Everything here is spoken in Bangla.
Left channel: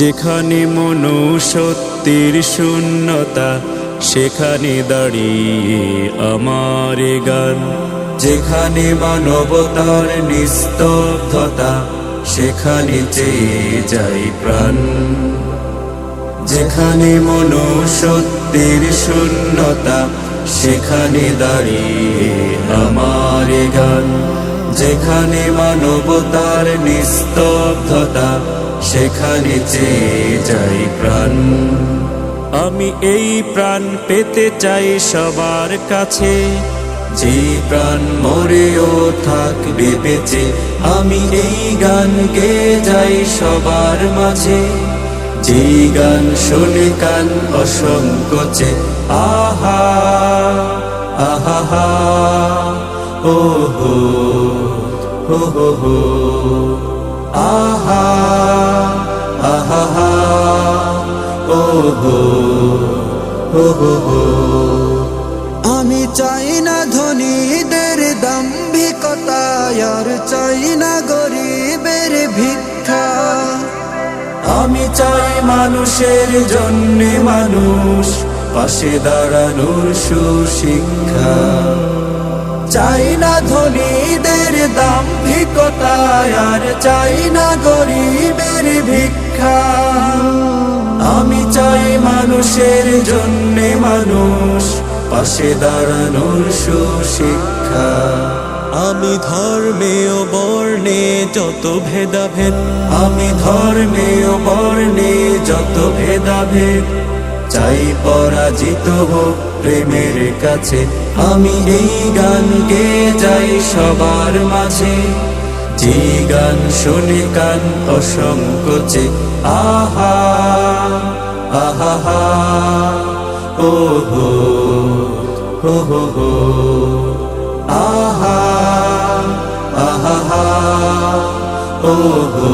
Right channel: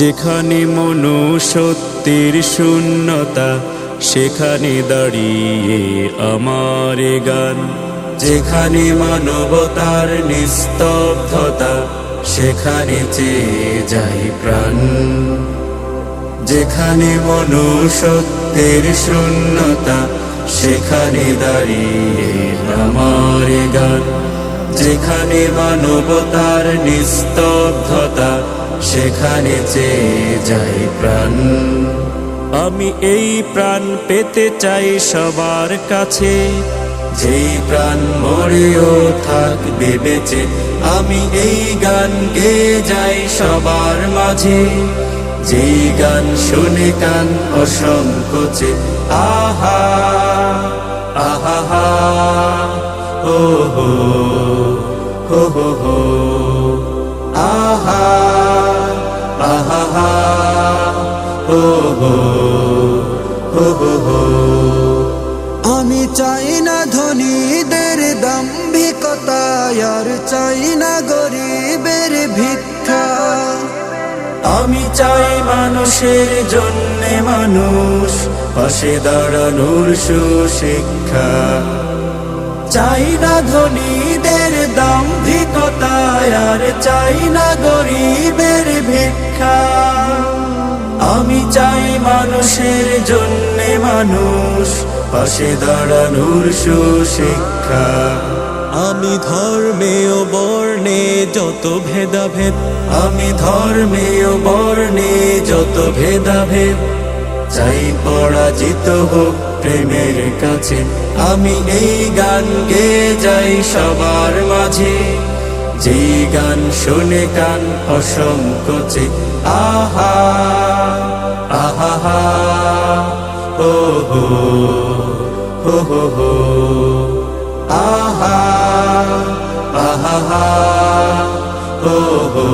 যেখানে মনুষ্যত্বের শূন্যতা সেখানে দাঁড়িয়ে আমার গান। যেখানে মানবতার নিস্তব্ধতা সেখানে চেয়ে যাই প্রাণ। যেখানে মনুষ্যত্বের শূন্যতা সেখানে দাঁড়িয়ে আমার গান। যেখানে মানবতার নিস্তব্ধতা সেখানে চেয়ে যাই প্রাণ। আমি এই প্রাণ পেতে চাই সবার কাছে, যেই প্রাণ মরেও থাকবে বেঁচে। আমি এই গান গেয়ে যাই সবার মাঝে, যেই গান শুনে কান অসংকোচে। আহা আহা হা ও হো হো হো হো। আহা আহা হা ও হো হো হো হো। আমি চাই না ধনীদের দাম্ভিকতা, আর চাই না গরিবের ভিক্ষা। আমি চাই মানুষের জন্যে মানুষ, পাশে দাঁড়ানোর সুশিক্ষা। চাই না ধনীদের দাম্ভিকতা, আর চাই না গরিবের ভিক্ষা। আমি চাই মানুষের জন্যে মানুষ, পাশে দাঁড়ানোর সুশিক্ষা। আমি ধর্মে ও বর্ণে যত ভেদাভেদ, আমি ধর্মে ও বর্ণে যত ভেদাভেদ চাই পরাজিত হোক প্রেমের কাছে। আমি এই গান গেয়ে যাই সবার মাঝে, যে গান শুনে কান অসংকোচে। আহা আহা হা ও হো হো হো হো। আহা আহা হা ও হো